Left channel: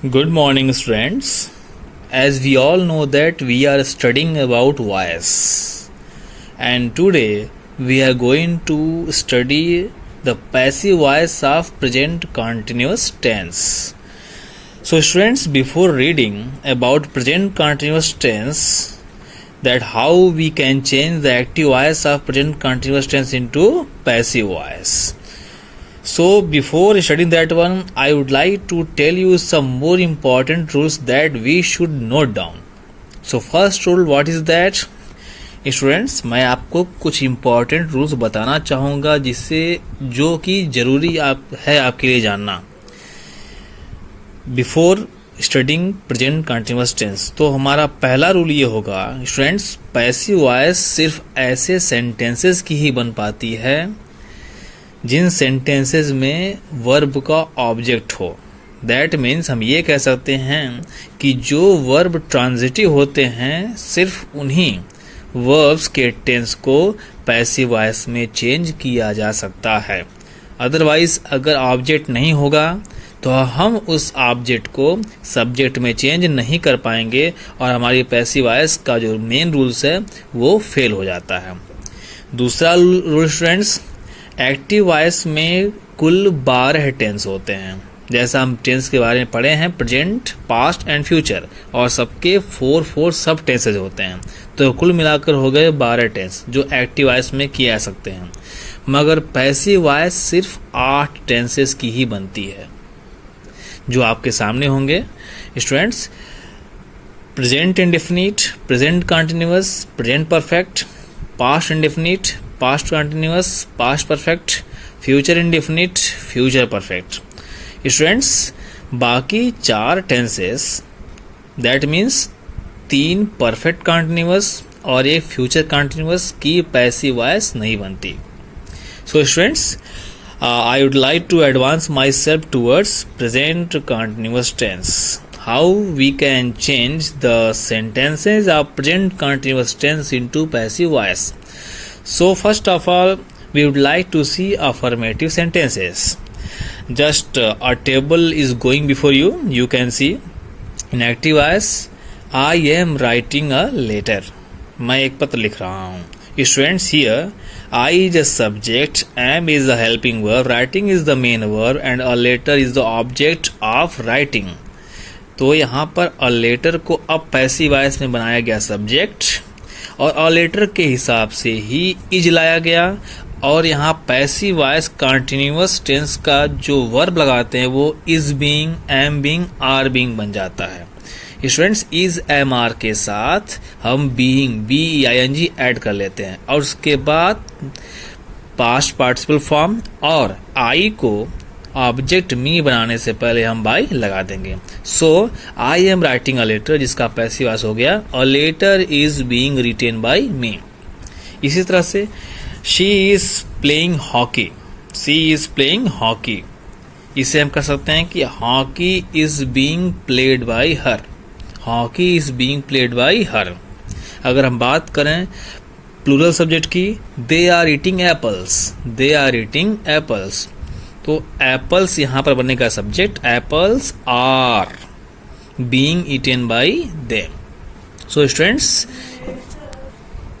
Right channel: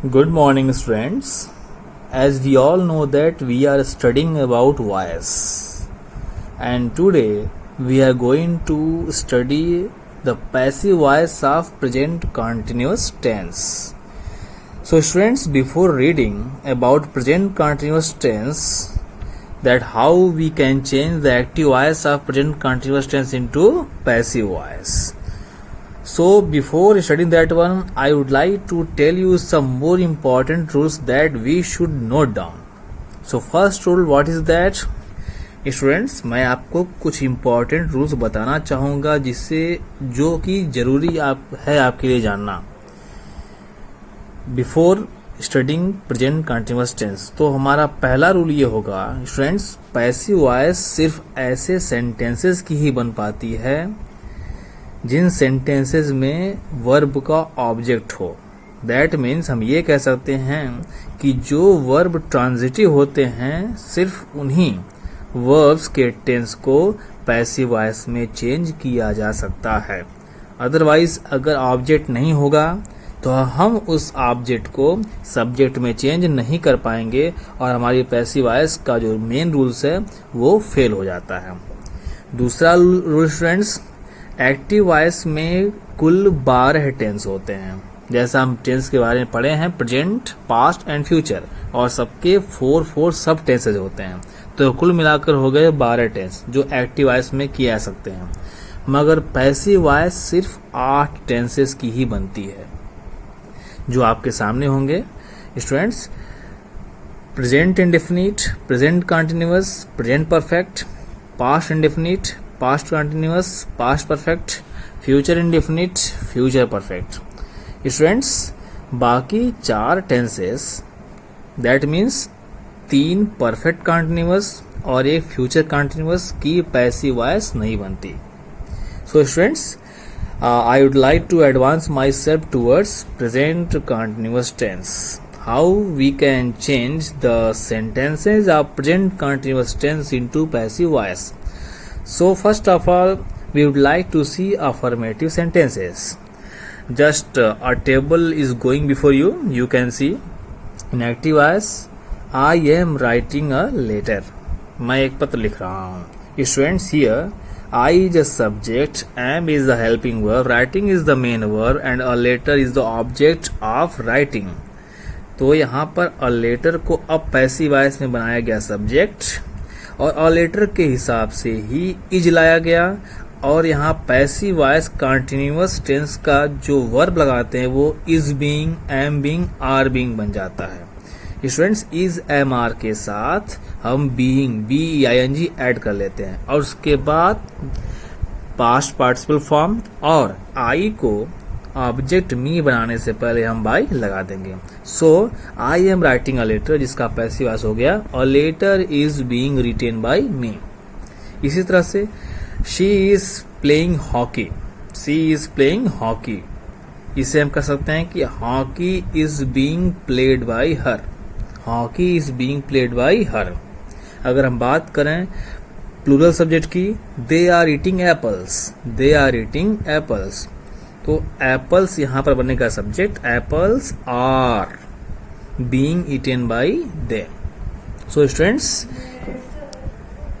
Good morning, students. As we all know that we are studying about voice, and today we are going to study the passive voice of present continuous tense. So, students, before reading about present continuous tense, that how we can change the active voice of present continuous tense into passive voice. So before studying that one, I would like to tell you some more important rules that we should note down. So first rule, what is that? Students, मैं आपको कुछ important rules बताना चाहूँगा जिससे जो कि ज़रूरी है आपके लिए जानना before studying present continuous tense. तो हमारा पहला रूल ये होगा स्टूडेंट्स, पैसिव वॉइस सिर्फ ऐसे सेंटेंसेस की ही बन पाती है जिन सेंटेंसेस में वर्ब का ऑब्जेक्ट हो। दैट मीन्स हम ये कह सकते हैं कि जो वर्ब ट्रांजिटिव होते हैं सिर्फ उन्हीं वर्ब्स के टेंस को पैसिव वॉइस में चेंज किया जा सकता है। अदरवाइज अगर ऑब्जेक्ट नहीं होगा तो हम उस ऑब्जेक्ट को सब्जेक्ट में चेंज नहीं कर पाएंगे और हमारी पैसिव वॉइस का जो मेन रूल्स है वो फेल हो जाता है। दूसरा रूल स्टूडेंट्स, एक्टिव वॉइस में कुल 12 टेंस होते हैं। जैसा हम टेंस के बारे में पढ़े हैं, प्रेजेंट, पास्ट एंड फ्यूचर, और सबके 4 सब टेंसेज होते हैं। तो कुल मिलाकर हो गए 12 टेंस जो एक्टिव वॉइस में किए जा सकते हैं। मगर पैसिव वॉइस सिर्फ 8 टेंसेस की ही बनती है जो आपके सामने होंगे students. Present indefinite, present continuous, present perfect, past indefinite, past continuous, past perfect, future indefinite, future perfect. Students, बाकी 4 tenses that means 3 perfect continuous और एक फ्यूचर कंटिन्यूअस की पैसिव वॉइस नहीं बनती। So students, I would like to advance myself towards present continuous tense. How we can change the sentences of present continuous tense into passive voice. So first of all, we would like to see affirmative sentences. Just a table is going before you. You can see in active voice, I am writing a letter. मैं एक पत्र लिख रहा हूँ। Students, here I is the subject, am is the helping verb, writing is the main verb and a letter is the object of writing. तो यहाँ पर a letter को अब पैसिव वॉइस में बनाया गया सब्जेक्ट और a letter के हिसाब से ही is लाया गया और यहाँ पैसिव वॉइस कंटिन्यूअस टेंस का जो वर्ब लगाते हैं वो is being, am being, are being बन जाता है। स्टूडेंट्स, इज एम आर के साथ हम बीइंग, BEING ऐड कर लेते हैं और उसके बाद पास्ट पार्टिसिपल फॉर्म और आई को ऑब्जेक्ट मी बनाने से पहले हम बाय लगा देंगे। So I am writing a letter जिसका पैसिव वॉइस हो गया a letter is being written by me. इसी तरह से she is playing hockey, she is playing hockey, इसे हम कह सकते हैं कि hockey is being played by her, hockey is being played by her. अगर हम बात करें प्लूरल सब्जेक्ट की, they are eating apples, they are eating apples, तो एप्पल्स यहां पर बनने का subject, apples are being eaten by them. So students,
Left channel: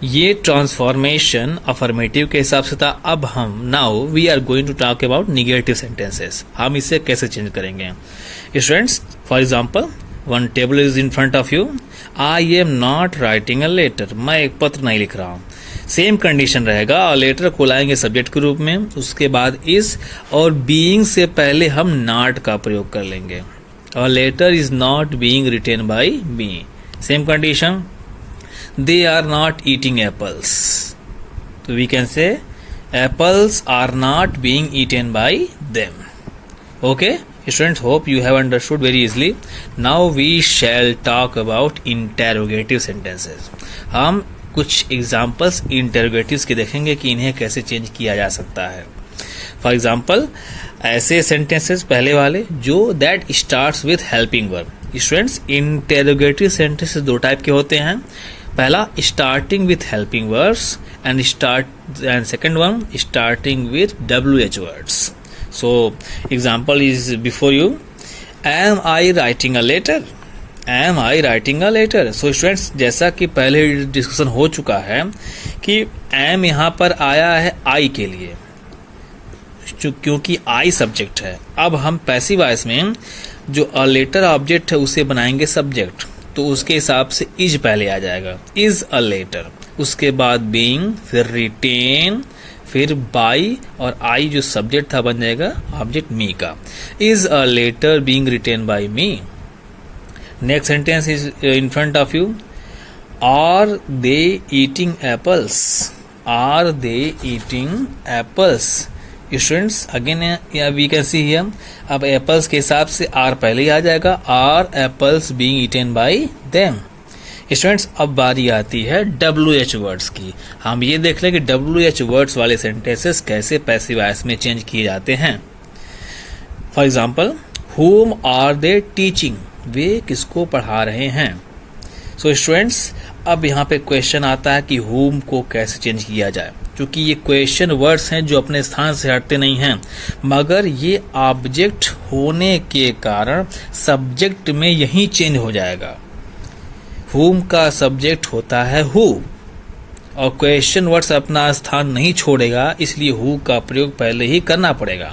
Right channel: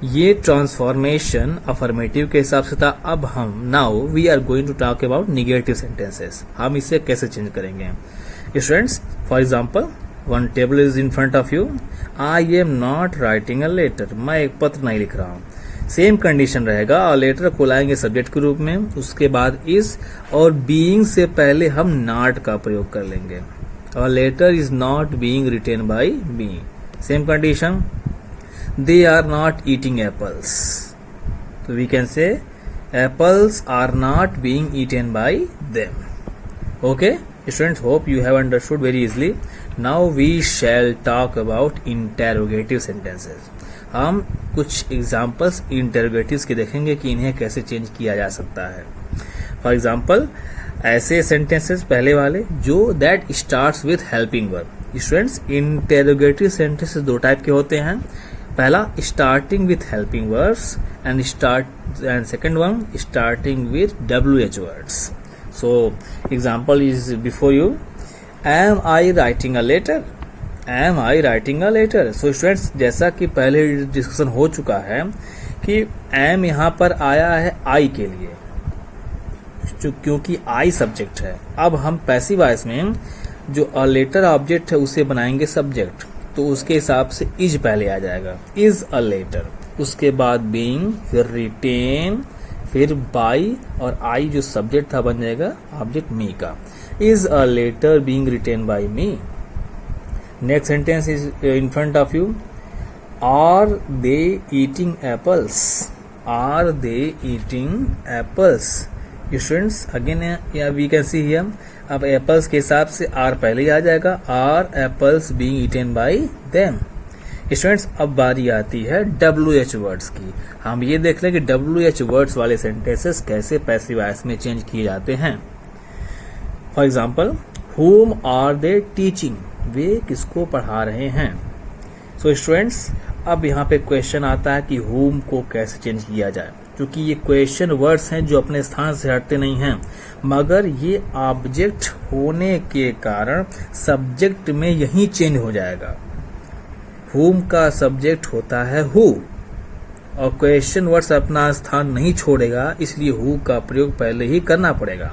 ये ट्रांसफॉर्मेशन अफर्मेटिव के हिसाब से था। अब हम now we are going to talk about negative sentences. हम इसे कैसे चेंज करेंगे students? For example, one table is in front of you, I am not writing a letter, मैं एक पत्र नहीं लिख रहा हूँ। सेम कंडीशन रहेगा, और लेटर को लाएंगे सब्जेक्ट के रूप में, उसके बाद इज और बीइंग से पहले हम नॉट का प्रयोग कर लेंगे और letter is not being written by me. Same condition, they are not eating apples, so we can say apples are not being eaten by them. Okay students, hope you have understood very easily. Now we shall talk about interrogative sentences. हम कुछ examples इंटेरोगेटिव्स के देखेंगे कि इन्हें कैसे change किया जा सकता है। फॉर एग्जाम्पल, ऐसे सेंटेंसेस पहले वाले जो that starts with helping verb. Students, interrogative sentences 2 type के होते हैं। पहला starting with helping words and second one starting with WH words. So example is before you, am I writing a letter, am I writing a letter. So students, जैसा कि पहले discussion हो चुका है कि एम यहाँ पर आया है आई के लिए, क्योंकि आई सब्जेक्ट है। अब हम पैसिव वॉइस में जो अ लेटर ऑब्जेक्ट है उसे बनाएंगे सब्जेक्ट, तो उसके हिसाब से इज पहले आ जाएगा, इज अ लेटर, उसके बाद बीइंग, फिर रिटेन, फिर बाई, और आई जो सब्जेक्ट था बन जाएगा ऑब्जेक्ट मी का। Is a letter being written by me. Next sentence is in front of you. Are they eating apples, are they eating apples. Students again we can see here, अब apples के हिसाब से are पहले ही आ जाएगा, are apples being eaten by them. Students अब बारी आती है WH वर्ड्स की। हम ये देख लें कि WH वर्ड्स वाले सेंटेंसेस कैसे पैसिव वॉइस में चेंज किए जाते हैं। For example, whom are they teaching, वे किसको पढ़ा रहे हैं। सो स्टूडेंट्स अब यहाँ पे क्वेश्चन आता है कि whom को कैसे चेंज किया जाए, क्योंकि ये क्वेश्चन वर्ड्स हैं जो अपने स्थान से हटते नहीं हैं, मगर ये ऑब्जेक्ट होने के कारण सब्जेक्ट में यही चेंज हो जाएगा। whom का सब्जेक्ट होता है who, और क्वेश्चन वर्ड्स अपना स्थान नहीं छोड़ेगा, इसलिए who का प्रयोग पहले ही करना पड़ेगा।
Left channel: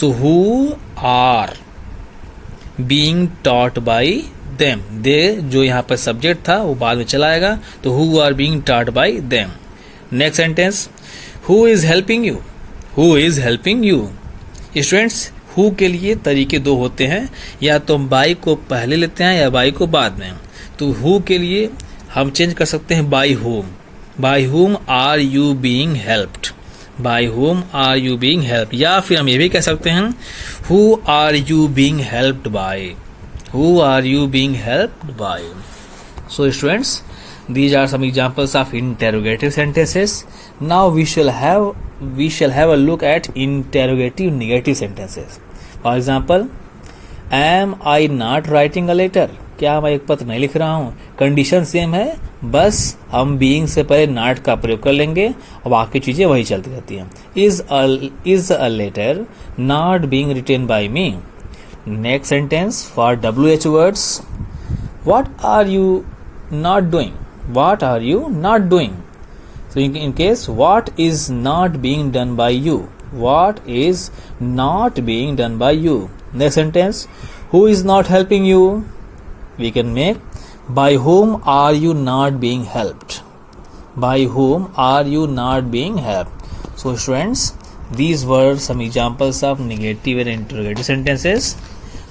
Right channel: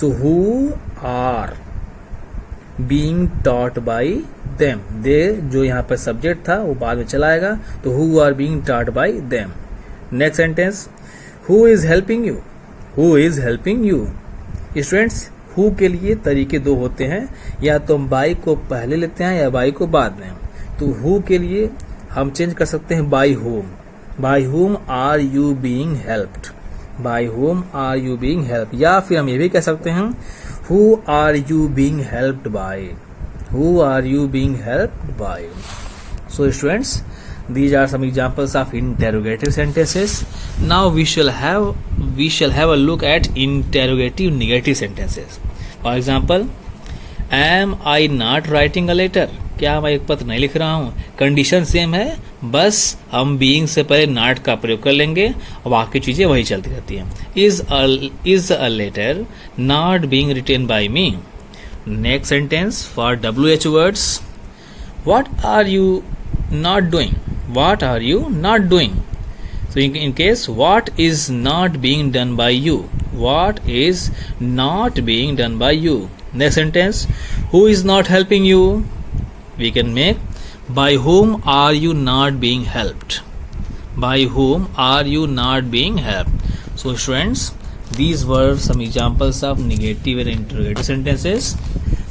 So who are being taught by them, they जो यहाँ पर सब्जेक्ट था वो बाद में चला आएगा, तो who are being taught by them. Next sentence, who is helping you, who is helping you. Students who के लिए तरीके दो होते हैं, या तो हम बाई को पहले लेते हैं या बाई को बाद में। तो who के लिए हम चेंज कर सकते हैं by whom, by whom are you being helped, by whom are you being help, या फिर हम ये भी कह सकते हैं who are you being helped by, who are you being helped by. So students, these are some examples of interrogative sentences. Now we shall have a look at interrogative negative sentences. For example, am I not writing a letter? क्या मैं एक पत्र नहीं लिख रहा हूँ। Condition same है, बस हम बीइंग से पहले नॉट का प्रयोग कर लेंगे और बाकी चीजें वही चलती रहती हैं। Is a letter not being written by me. Next sentence for WH words, what are you not doing, what are you not doing? So in case what is not being done by you, what is not being done by you. Next sentence, who is not helping you? We can make by whom are you not being helped, by whom are you not being helped. So students, these were some examples of negative and interrogative sentences.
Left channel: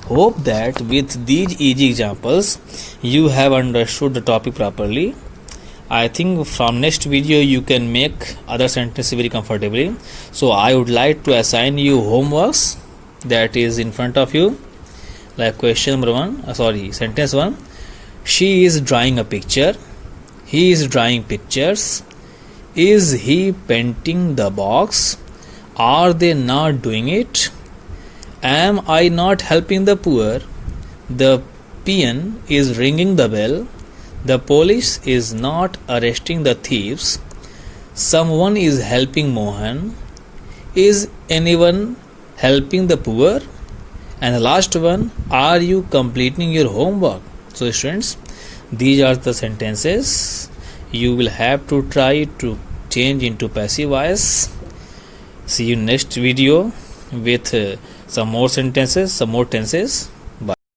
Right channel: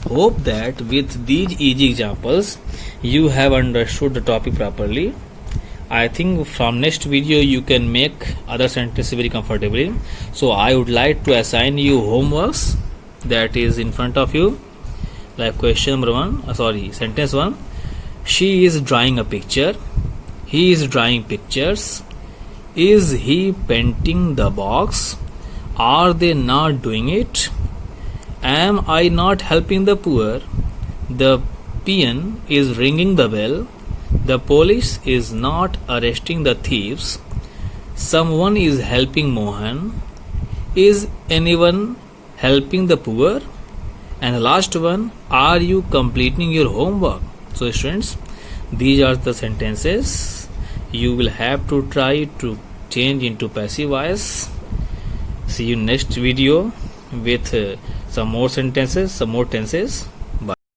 Hope that with these easy examples you have understood the topic properly. I think from next video you can make other sentences very comfortably. So I would like to assign you homeworks that is in front of you. Like question number 1, sentence 1. She is drawing a picture. He is drawing pictures. Is he painting the box? Are they not doing it? Am I not helping the poor? The peon is ringing the bell. The police is not arresting the thieves. Someone is helping Mohan. Is anyone helping the poor? And the last one, are you completing your homework? So students, these are the sentences you will have to try to change into passive voice. See you next video with some more sentences, some more tenses.